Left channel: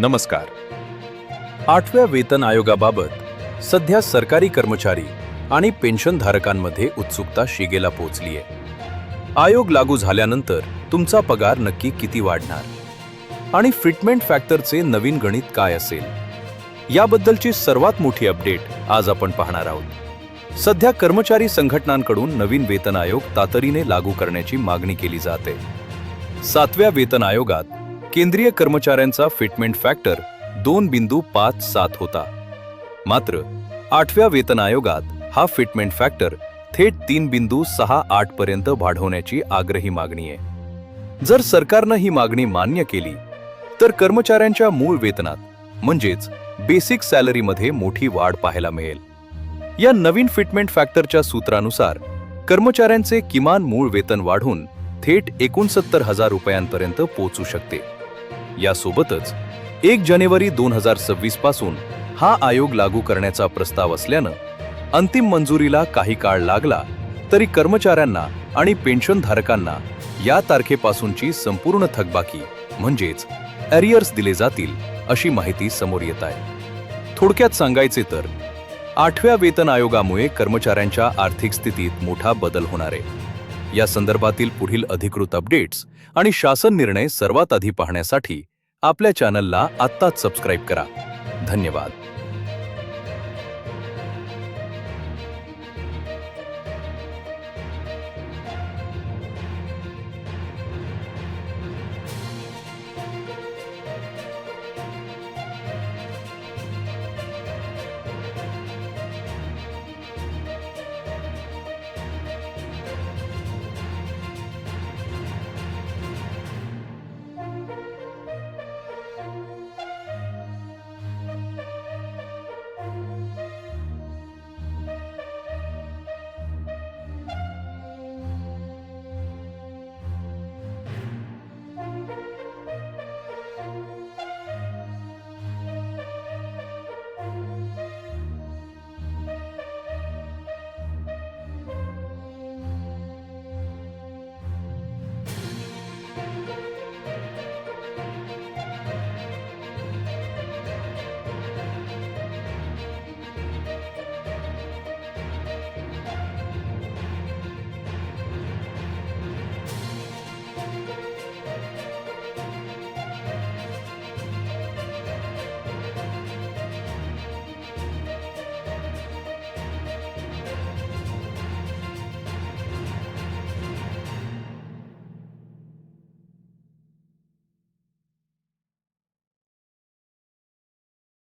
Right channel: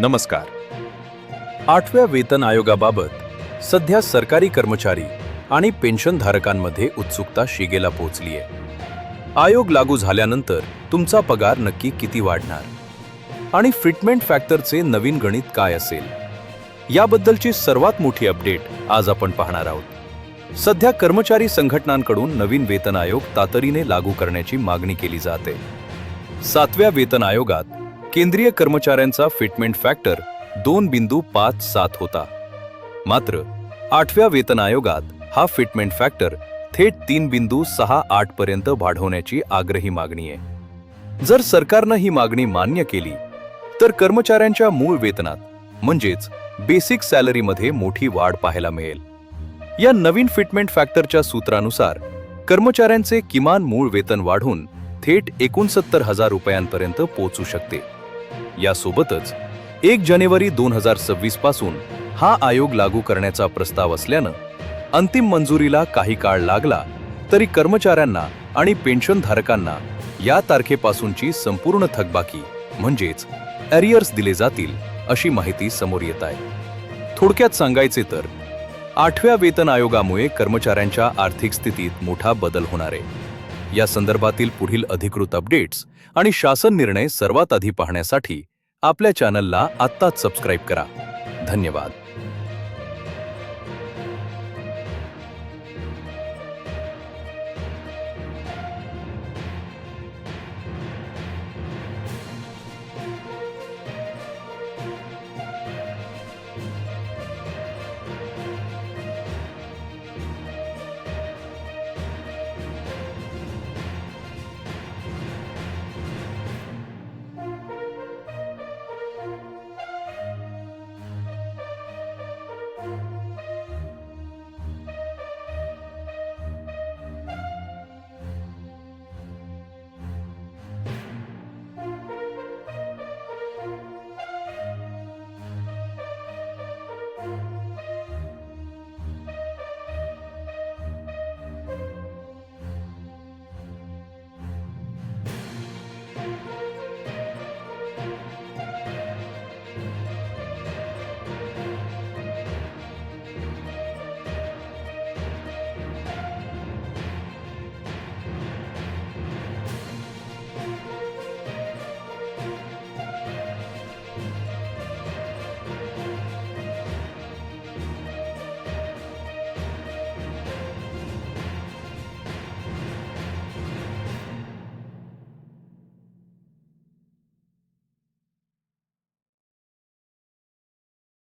नमस्कार. 8व्या वेतन आयोगाबाबत सध्या सरकारी कर्मचारी आणि पेन्शनधारकांमध्ये उत्सुकता शिगेला पोहोचली आहे. आयोग लागू झाल्यानंतर तुमचा पगार नक्की किती वाढणार आणि फिटमेंट फॅक्टरचे नवीन गणित काय असेल, याबद्दलची सर्वात मोठी अपडेट आज आपण पाहणार आहोत. सध्या कर्मचारी संघटनांकडून नवीन वेतन आयोग तातडीने लागू करण्याची मागणी केली जाते. 7व्या वेतन आयोगात केंद्रीय कर्मचाऱ्यांचा फिटमेंट फॅक्टर 2.57 होता. मात्र 8व्या वेतन आयोगात हा फिटमेंट फॅक्टर थेट 3.68 पर्यंत वाढवण्याची आग्रही मागणी आहे. जर सरकारनं ही मागणी मान्य केली तर कर्मचाऱ्यांच्या मूळ वेतनात म्हणजेच बेसिक सॅलरीमध्ये मोठी वाढ पाहायला मिळेल. या नवीन फिटमेंट फॅक्टरच्या सूत्रानुसार कर्मचाऱ्यांचे किमान मूळ वेतन वाढून थेट 69,000 रुपयांपर्यंत पोहोचू शकते. यासोबतच 1 जानेवारी 2026 पासून हा आयोग लागू करण्याचा प्रस्ताव असल्यानं अंतिम मंजुरीला काही काळ लागला तरी कर्मचाऱ्यांना आणि पेन्शनधारकांना या तारखेपासूनची संपूर्ण थकबाकी म्हणजेच अरियर्स दिले जातील अशी माहिती समोर येत आहे. थोडक्यात सांगायचे तर 8व्या वेतन आयोगामुळे कर्मचाऱ्यांच्या आर्थिक स्थितीत मोठा बदल होणार आहे. या संदर्भातील पुढील अधिकृत अपडेट्स आणि शासन निर्णय सर्वात आधी पाहण्यासाठी आपल्या चॅनलला आत्ताच सबस्क्राईब करा. धन्यवाद.